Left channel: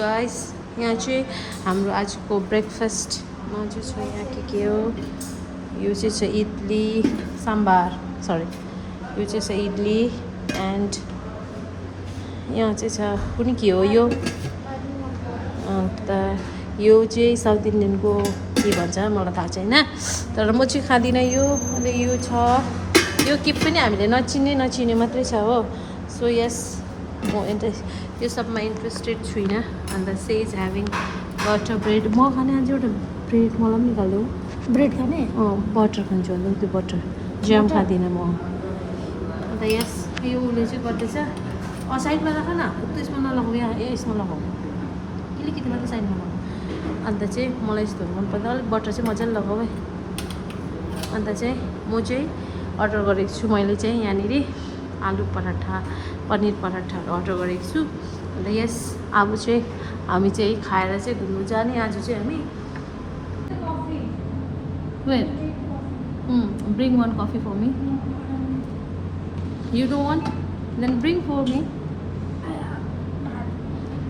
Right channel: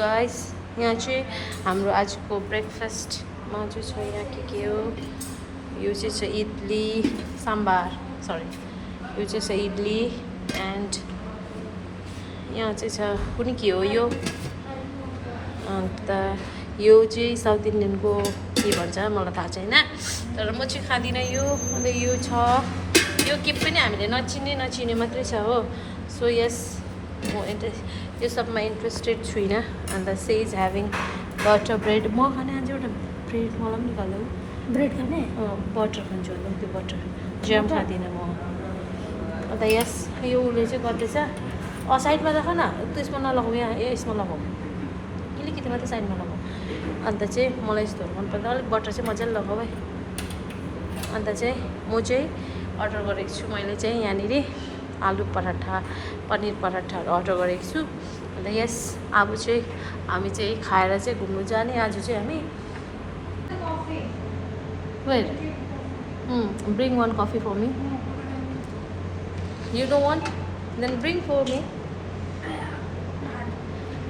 Guys यहाँ चाहिँ हाम्रो आजको ब्रेकफास्टमा चाहिँ छ यहाँ के हो यो चाहिँ छ इडली सांबार सरी यो चाहिँ छ इडली एन्ड यहाँ चाहिँ छ कुनै के हो यो अन्त यो चाहिँ साउथ इन्डियनको के भन्छ मलाई थाहा छैन तर म चाहिँ खाँदिनँ यो अन्त यो छ यो के पनि हामीले नचिने मात्रै छ हो सो यस म यो सबमा इन्ट्रेस्टेड छुइनँ अन्त से इज ह्याभिङ बटर ब्रेड म खाने आज एउटा ब्रेड मलाई पनि निकाल्दो ब्रेड खाने बटर खान्छु होला त्यो बटर ज्याम खाँदिनँ म अन्त यस यो उसले चाहिँ गर्दैछ साइडमा राख न त्यसमा नलगाऊ यहाँ यसमा लगाऊ अलिकति मात्रै साइडमा लगाऊ अन्त चाहिँ मलाई यस्तोहरू मनपर्छ अलिक बटर चाहिँ मजाले लगाऊ है अन्त चाहिँ म चाहिँ अर्डर गरेको छु मैले चाहिँ यहाँनिर आलु पराठा पनिर पराठाहरू अर्डर गरेको छु अन्त यस अब चाहिँ हामी चाहिँ खाएर चाहिँ घुम्नु जाने आज चाहिँ हामी where bring one coffee for me you don't want then bring for me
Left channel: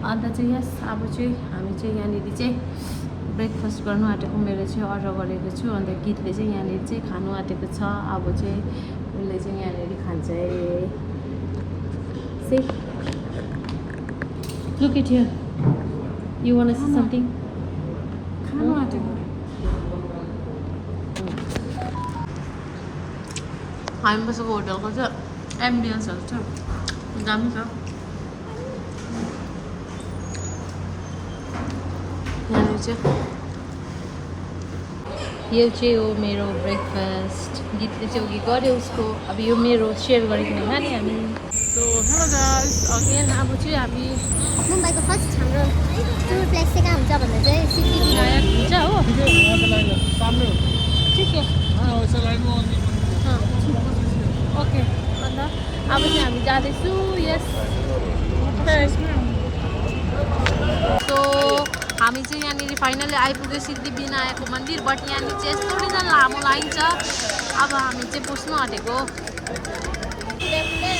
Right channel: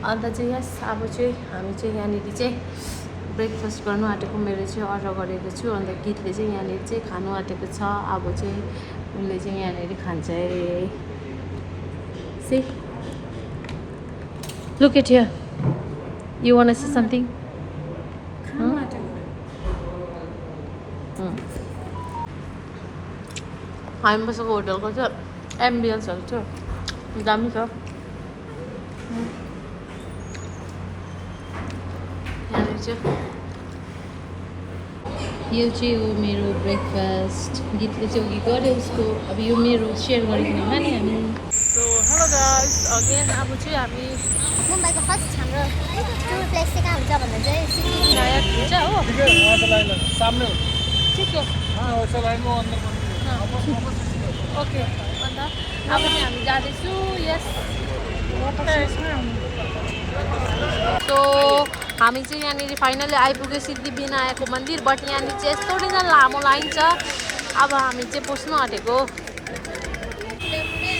अन्त चाहिँ यस अब चाहिँ हामी चाहिँ यहाँनिर चाहिँ ब्रेकफास्ट गर्नु आँटेको मेरो चाहिँ अर्डर गरेको छु अन्त गीतले चाहिँ यहाँनिर चाहिँ खानु आँटेको छ अब चाहिँ उसले चाहिँ यहाँनिर खान्छ See? Look at here. You want to see something? Come on. हामी बसेको होटलको चाहिँ एम्बियन्सहरू छ दामी छ यहाँनिर चाहिँ यो चाहिँ हो मेरो ब्रेकफास्ट गीतले चाहिँ उयो गर्यो उसको अब यो मेरो सेयर गरिकन खाने हामी सो हेलो गाइस अगेन अब चाहिँ हामी मुम्बईको फर्स्ट हाम्रो टुर प्लेस चाहिँ कहाँ हुन्छ भन्दा चाहिँ सिटी विनायक हुन्छ हो ठिक हो ओके अन्त अब चाहिँ हामी जाँदैछु यस सो हामी चाहिँ यहाँनिर फाइनली आइपुग्यो सिद्धिविनायकको मन्दिर बट यहाँनिर चाहिँ यस्तो नै लामो लाइन छ अब हामी चाहिँ पस्नु आँटेको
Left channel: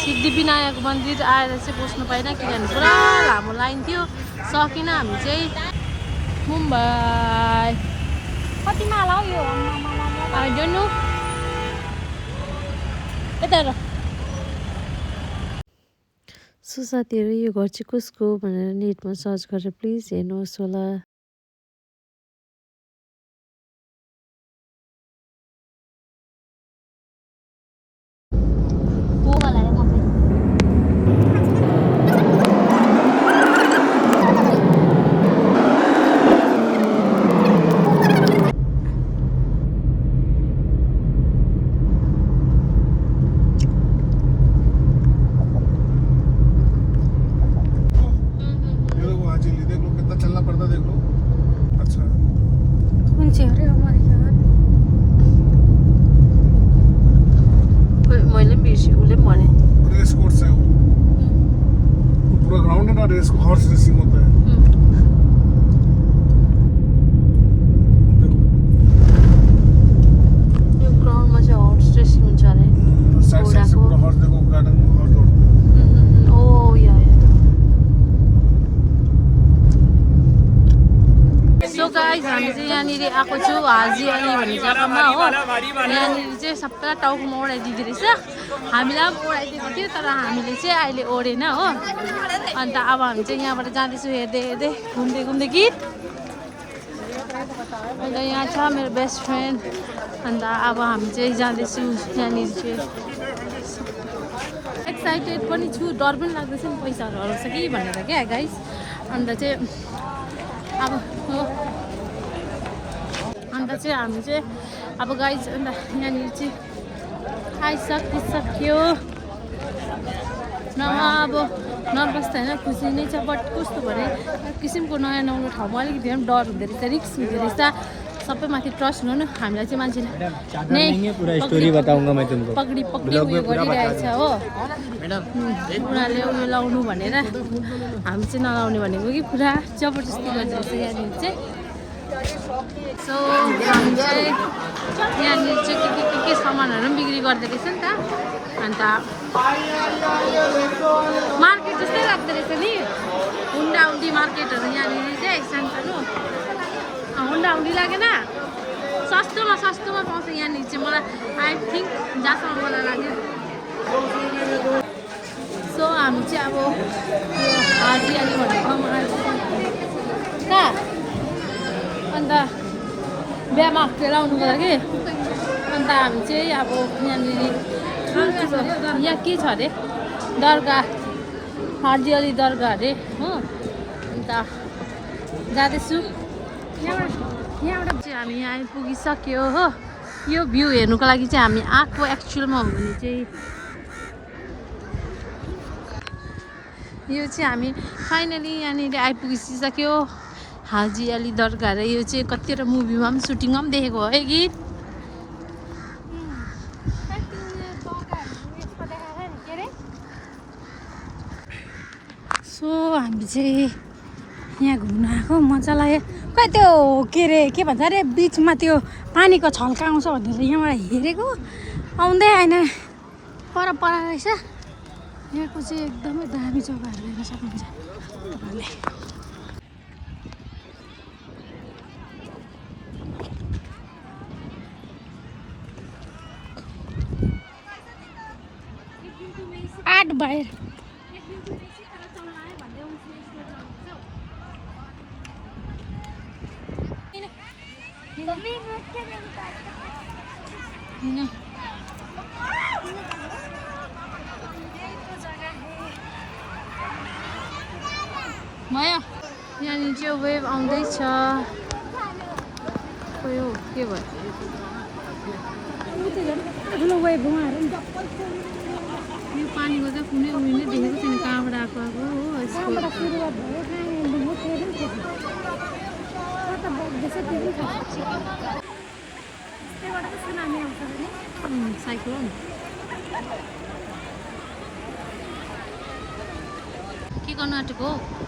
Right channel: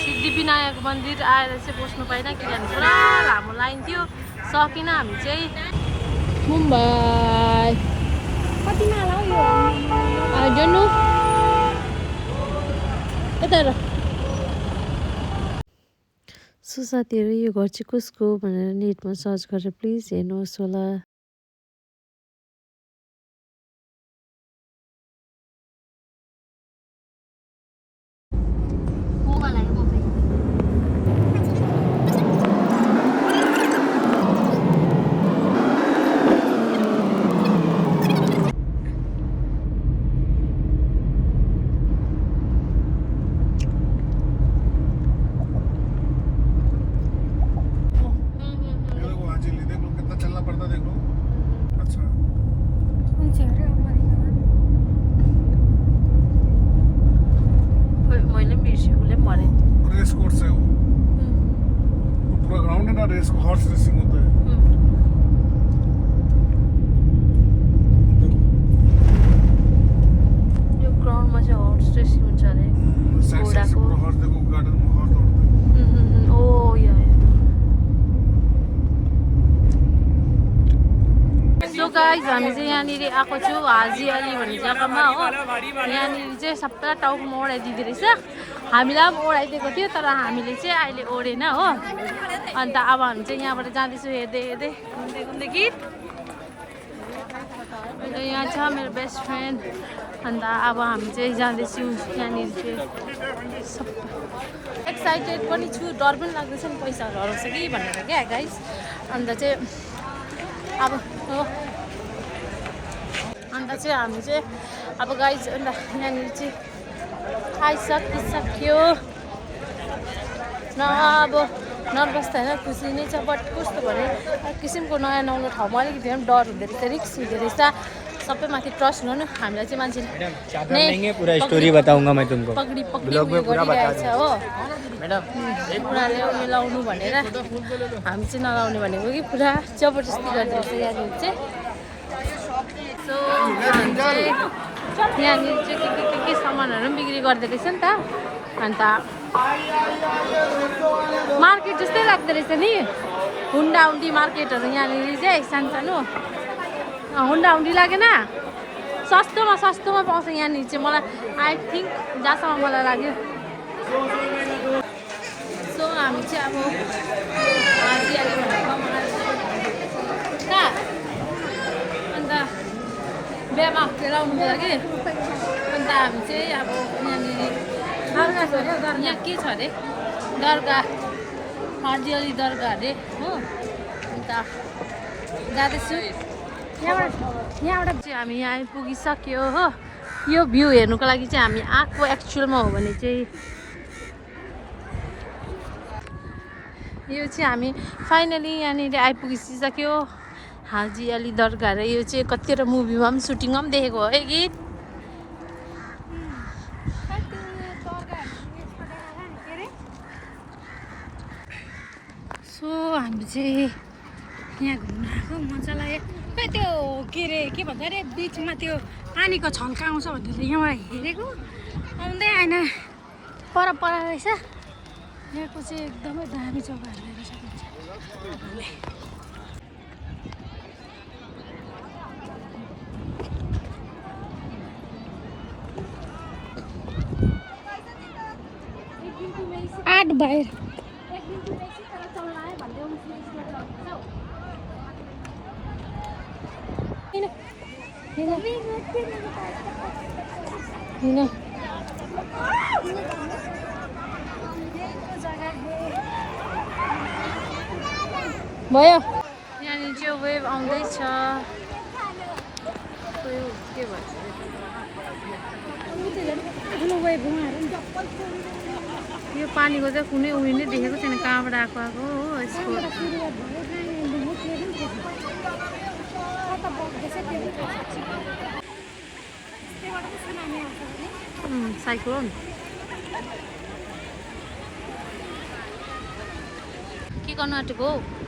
सिद्धिविनायक मन्दिर आएर चाहिँ पस्नु पाएन किनभने पुरा लामो लाइन थियो सकिन हामी चाहिँ मुम्बई कतिमा होला यो आई डोन्ट नो यता सो साथीहरू यो घर चाहिँ कसको भनेर नेटमा सर्च गरेर प्लिज हेर्नुहोस् होला गाइज हामी चाहिँ यहाँनिर आएको छु हाजी अली भन्ने जग्गामा हो यहाँनिर चाहिँ सबै टाउकोमा ओढाइदिँदो रहेछ हामीलाई पनि ओढाइदिएको थियो तर हामीले चाहिँ अहिले ओढेन हो अन्त अब हामी चाहिँ यहाँबाट जाँदैछु हेर्दै हेर्दै घुम्दै गीत अन्त यहाँ छ मेरो बेस्ट फ्रेन्ड अन्त अब हामी चाहिँ जाँदैछु यहाँनिर चाहिँ एक्साइटेड पनि छु डर पनि लाग्दैछ नि पैसाहरू हराउँछ कि भनेर क्या गाइज अन्त चाहिँ अब हो अन्त चाहिँ हामी चाहिँ अब गाइज अन्त यहाँनिर चाहिँ आइसकिसक्यो न अब नर्भस त होइन खुसी नै छ बट कस्तो भने किसिमको नयाँ नौलो ठाउँमा अलिकति पनि डर हुँदो रहेछ रिक्स हुँदो रहेछ सबैमाथि ट्रस्ट गर्नु हामीलाई चाहिँ मान्छेले पक्री उयो गरिरहेछ हो उनीहरूले उयो लाउनु भनेर हामी चाहिँ नलाउने भनेको कि पुरा जबरजस्ती गर्दो रहेछ यहाँनिर चाहिँ सो हामी चाहिँ यहाँनिर चाहिँ के सामानहरू पनि बिक्री गर्दो रहेछ नि त अन्त मार्केट जस्तै लाग्दो रहेछ नि हुन्डा हुन्डी मार्केटहरू यहाँनिर चाहिँ सानो हुन्डा हुन्डी लागेन सस्तोमा पाउँछ यहाँनिर चाहिँ मलाई आई थिङ्क जहाँसम्म मलाई लाग्यो सो हामी चाहिँ अब यो हाजियाली भन्ने ठाउँमा आइपुग्यो कहाँ अन्त बिहामा हप्तेर आउनुको लागि अन्त हामी चाहिँ अब यहाँनिर यहाँ के छ अरे दरगाह हाजियाली दरगाह अरे हो अन्त जाँदैछु यहाँबाट चाहिँ हामी यहाँ आइपुगिसक्यो हो यो भ्यू हेर्नुको लागि चाहिँ हामी आएको एक्चुअलमा हो भने चाहिँ यो चाहिँ हामी फाइनली यहाँनिर आइपुगिसक्यो हाजी अली दरगाह र यो चाहिँ कतिवटा मुभीमा पनि सुटिङमा पनि देखेको हो है गीत सो हामी चाहिँ यहाँ घुम्न आएको मजा लाग्यो खै त्यो के अरे के भन्छ अरे बिचमा त्यो पानीको छल्का आउँछ भनेर यहाँबाट हेरेको आउँदै आएन पर रहेछ यहाँको चाहिँ एकदमै दामी जग्गाहरू हेर्न सक्नुहुन्छ तपाईँहरूले आठ बाहिर भयो यहाँनिर चाहिँ वेभ आउँदैछ यो के भयो यो पानीको चाहिँ कुनै उयो नै देखेको छैन कहाँबाट आएको हो यसको साइक्लोन के गर्नु आँटेको हो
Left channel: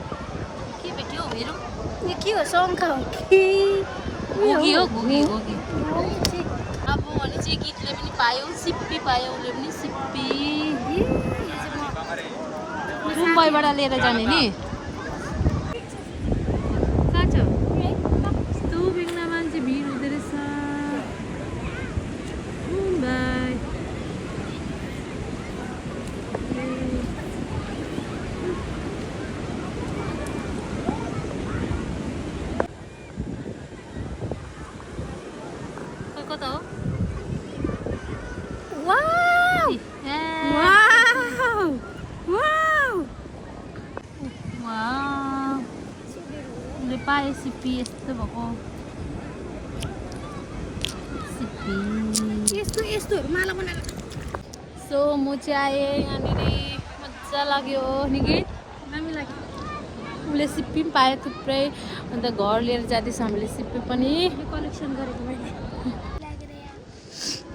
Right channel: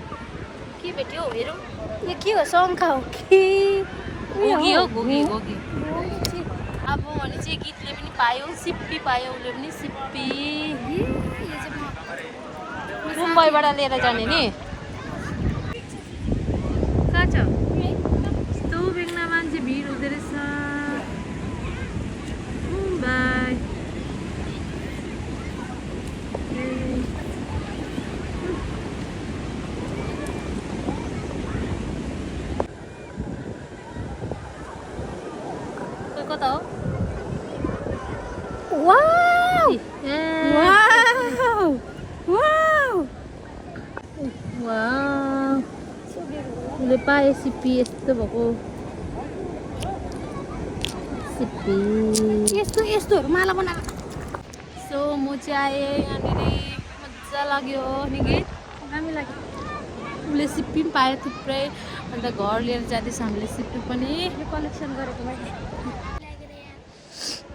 के भेट्यो हेरौँ के हो शङ्खा हो कि घोगी हो घोगी घोगी अब भने चाहिँ गीतले पनि पायो सिप्पी पायो उसले पनि सिप्पी मुम्बईबाट लिएर जाने नि कहाँ छ यस्तो बेग्ला मान्छे भिड हुँदो रहेछ मुम्बई कता हो वाउ उसले पाए सिप्पी यस्तो भएको सिप्पी यस्तोहरू माला बनाएर सो म चाहिँ आएँ यहाँनिर मजा लाग्यो नि कि दामी लाग्यो उसले सिप्पी पनि पायो थुप्रै अन्त घर लिएर जाँदैछ हामीले सिप्पी पनि कलेक्सन गरेको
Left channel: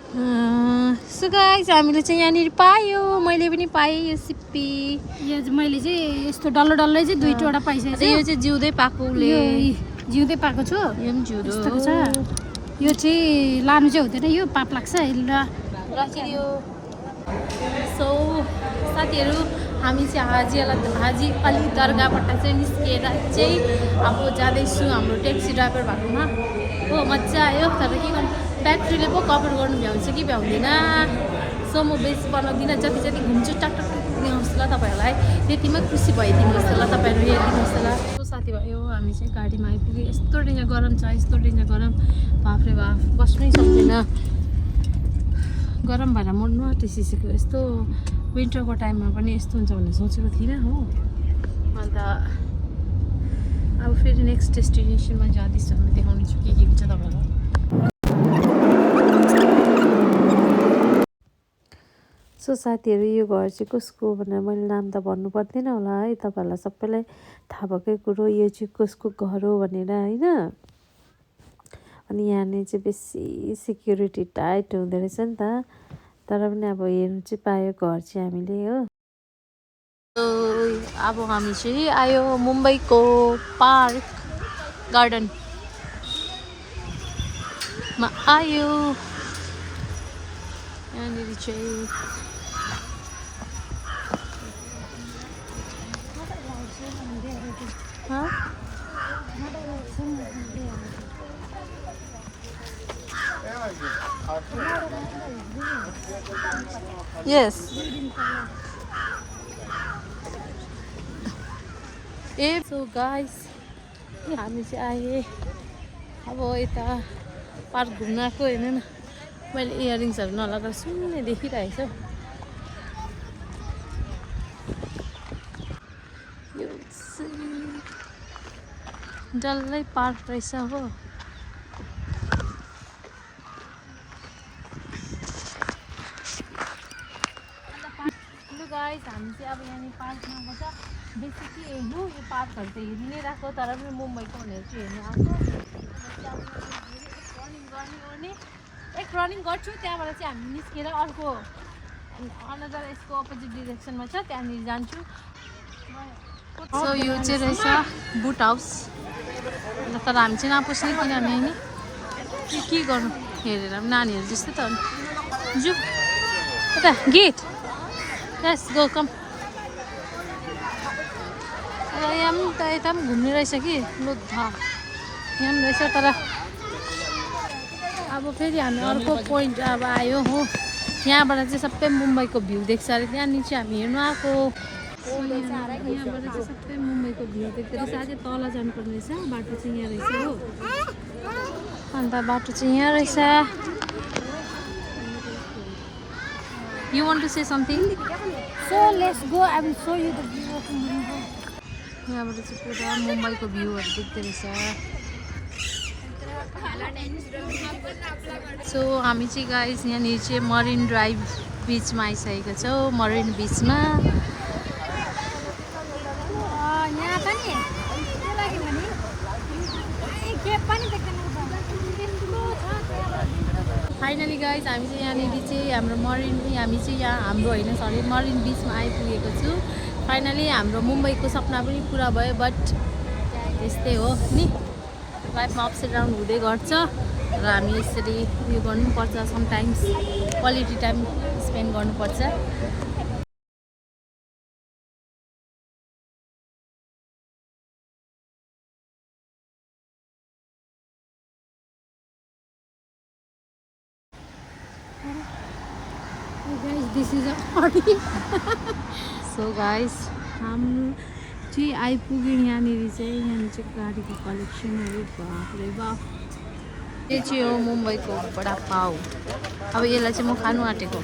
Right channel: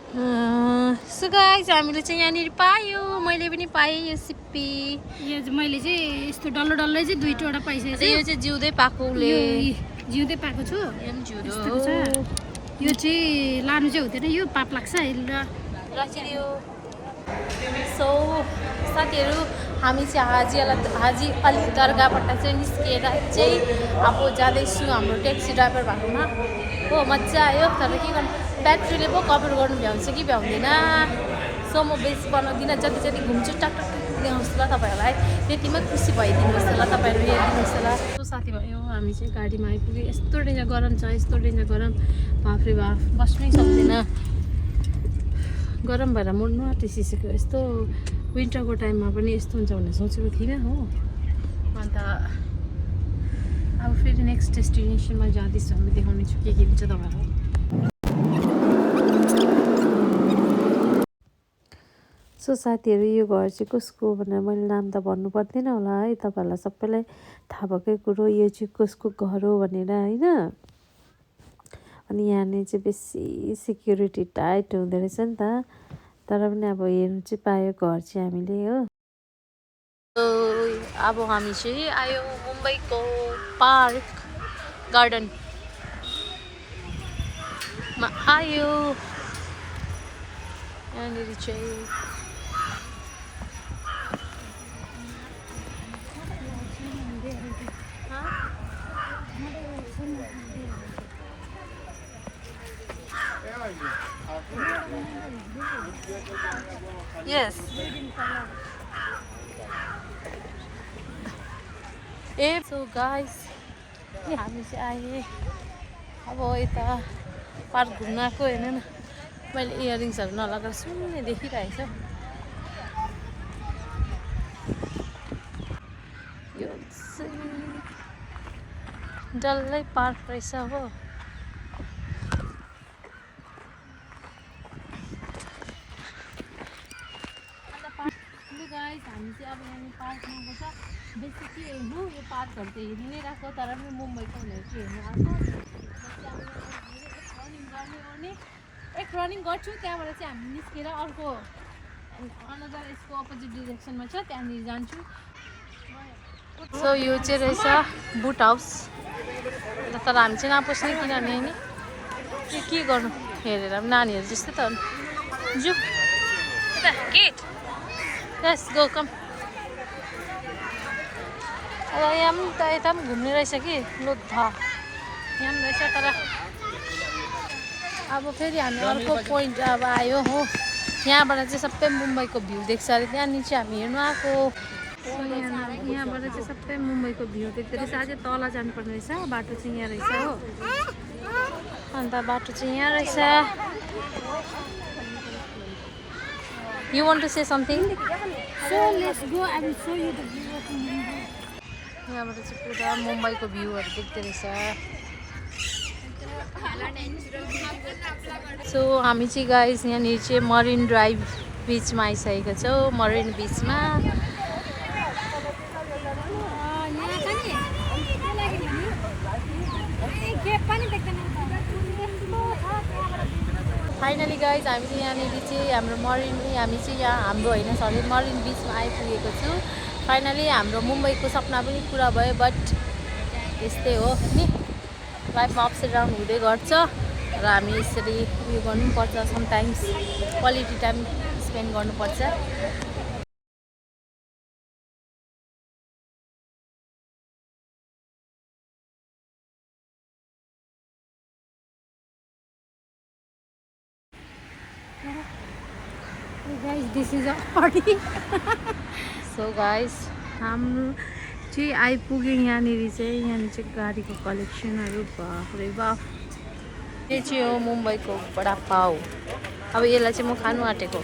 सो गाइस हामीले चाहिँ यहाँनिर पायो मैले पनि पाएँ यो सिप्पी यो मैले चाहिँ यस्तो डल्लो डल्लै चाहिँ दुईवटा पाइसकेको छु यो चाहिँ जिउँदै पाएको उसले जिउँदै पाएको छु यो पनि जिउँदो यस्तोको छ यो चाहिँ लानु चाहिँ हुँदैन यो पाप लाग्छ राखिदियो सो साथीहरू हामी चाहिँ हाजी अली दरगाहबाट चाहिँ निस्किएर चाहिँ अब जाँदैछु हाम्रो ट्याक्सी ड्राइभर भएकोमा हो मजा आयो तर के गर्नु ब्याट्रीले पो कभर गर्नु भ्याउँछ कि भ्याउँदैन सो म बेसी बनाउँदिनँ जति जति घुम्छु टाक टाक टुक देखाउँछु ल तपाईँहरूलाई त्यतिमै खुसी भइदिनुहोस् ल तपाईँहरू हेरिदिनुहोस् ल सो साथीभाइ हो हामी चाहिँ गाडीमा आइपुग्यो यस्तो डेन्जर गरम छ यस्तो डेन्जर गरम बाफ्रे बाफ बस्नै सक्दैन गरम भएर मर्नु आँटिसक्यो यस्तो विन्टरको टाइममा पनि यस्तो हुन्छ भन्ने सोचेको थिइनँ हो अन्त अब फेरि नेक्स्ट डेस्टिनेसनमा जाँदैछु हामी देखाउने छु के हुन्छ तपाईँलाई सो साथीहरू यो घर चाहिँ कसको भनेर मैले नाम त भन्नु पर्दैन होला है तपाईँहरूलाई सबैलाई थाहा भएकै कुरो यो चाहिँ कसको घर हो भनेर होइन अनि यहाँनिर चाहिँ बेसी सिक्युरिटी टाइट हुँदो रहेछ नि त तर पनि अब हेर्नु चाहिँ पायो घर चाहिँ हामीले हो अब हामी चाहिँ आयो मुम्बईको पार्क गार्डनमा आयो यहाँनिर चाहिँ Yes. So guys, हामी चाहिँ आए अब यता पार्क घुम्न आएको हेर्नु न मैले इयरिङ्सहरू नलगाएर सुन्ने देखिरहेको छु यो चाहिँ डल्लै पार्क रहेछ हो गाइस हामी चाहिँ अब यहाँ पार्कमा आएको छ बेसी के हेर्नु यो पार्कहरू त हेरि नै राख्यो तर पनि मुम्बईको भनेर चाहिँ हेर्नु आएको एक रनिङ गर्छु त्यहाँबाट चाहिँ हामी निस्केर अर्को अनदर यसको अपोजिट डिरेक्सनमा छ त्यहाँनिर जान्छु सो यो चाहिँ रहेछ बुट हाउस तर हामी चाहिँ नपस्ने किनभने होइन के गर्नु हेरेर नानीहरू जस्तै त जु यता गीत Let's go, come. यहाँ पनि त यता पनि घुम्ने रहेछ कि लोद्धा यहाँ पनि रहेछ तर अब फेरि हामी अर्को पोइन्ट अब आयो हो यहाँबाट चाहिँ सबै मुम्बईको भ्यू देख्छ अरे त्यहाँ निचे हामी हेर्नु आएको यहाँबाट चाहिँ सबै मुम्बईको भ्यू देख्दो रहेछ अझै तल जानुपर्ने रहेछ बाटो चाहिँ यहाँ रहेछ हो अन्त बाटो चाहिँ यहाँ रहेछ You want to say something? So let's go. I will show you the view of Mumbai. यहाँबाट चाहिँ पुरा मुम्बईको भ्यूहरू देख्दो रहेछ सो हामी चाहिँ गाइस यहाँनिर चाहिँ मरिन ड्राइभ बिचमा आइसकेको छौँ मरिन बिचमा यहाँ पनि के लाग्यो भने के पनि देख्दैन फाइनली गाइज हामी चाहिँ यहाँनिर चाहिँ हाम्रो हामी चाहिँ यहाँ हाम्रो होइन सरी मरिन बिचमा आइपुगेको छु फाइनली हाम्रो मुम्बईको सपना पनि पुरा भयो बट यस्तै हो नि लाइफमा अप्स एन्ड डाउन हुँदै गर्छ र हामी यसरी उयो गर्नुपर्छ समटाइम्स क्वालिटी टाइम स्पेन्ड गर्नुपर्छ guys, this is our party. So guys हाम्रो चाहिँ आइपुग्यो यहाँनिर चाहिँ गाडीको कलेक्सनहरू बाफ्रे बाफ यो चाहिँ हो मुम्बईको बडा पाउ अब यसलाई चाहिँ म खानु आँटेको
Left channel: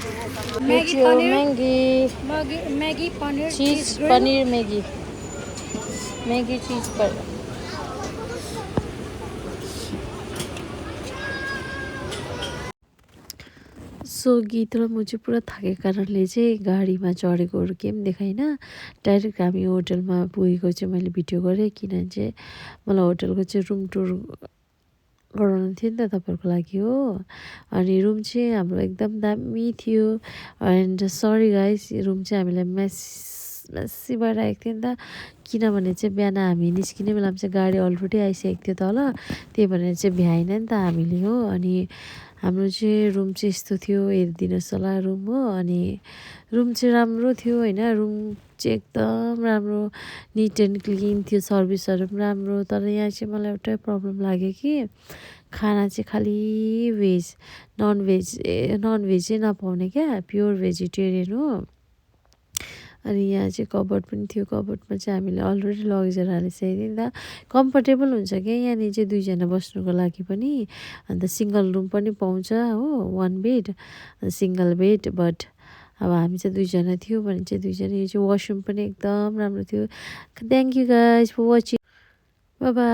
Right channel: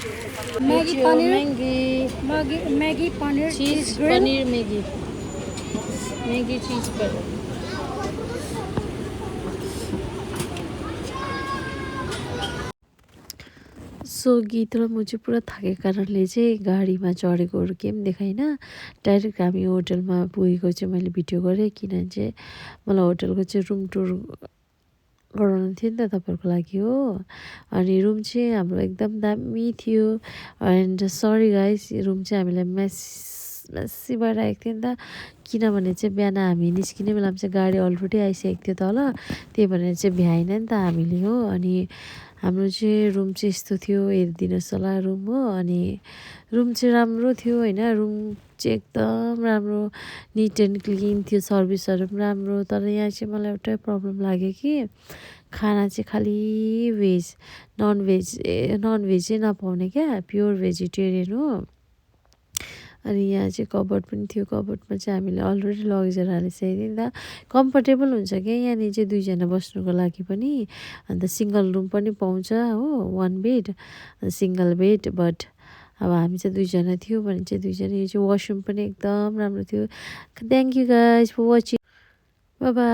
Maggi paneer चिज पनिर मैगी चिज पनिर सो गीत र म चाहिँ पुरा थाकेको कारणले चाहिँ गाडीमा चढेकोहरू केही पनि देखाइनँ डाइरेक्ट हामी होटलमा पुगेको चाहिँ मैले भिडियो गरेँ किनभने चाहिँ मलाई होटलको चाहिँ रुम टुर गराउनु थियो नि त तपाईँहरूको लागि हो अनि रुम चाहिँ हाम्रो एकदम दामी थियो एन्ड सरी गाइस रुम चाहिँ हामीलाई मेसी भएर आएको थियो नि त किनभने चाहिँ बिहान हामी निस्किने बेलामा चाहिँ गाडी अलरेडी आइसकेको थियो तल त्यही भनेर चाहिँ भ्याएन नि त हामीले हो अनि हाम्रो चाहिँ रुम चाहिँ यस्तो थियो हेरिदिनुहोस् होला रुम हो अनि रुम चाहिँ राम्रो थियो होइन रुम चाहिँ एकदम राम्रो निट एन्ड क्लिन थियो सर्भिसहरू पनि राम्रो तर यहाँ चाहिँ मलाई एउटै प्रब्लम लाग्यो कि खाना चाहिँ खालि भेज नन भेजै नपाउने क्या प्योर भेजिटेरियन हो अनि यहाँ चाहिँ कबर्ड पनि थियो कबर्डमा चाहिँ हामीले अलरेडी लगेर हालिसकेको नि त कम्फर्टेबल हुन्छ क्या यहाँनिर चाहिँ दुईजना बस्नुको लागि पनि अन्त सिङ्गल रुम पनि पाउँछ हो 1 बेड सिङ्गल बेड बट अब हामी चाहिँ दुईजना थियो भने चाहिँ दुईजना यो चाहिँ वासरुम पनि एकदम राम्रो थियो thank you guys for watching bye by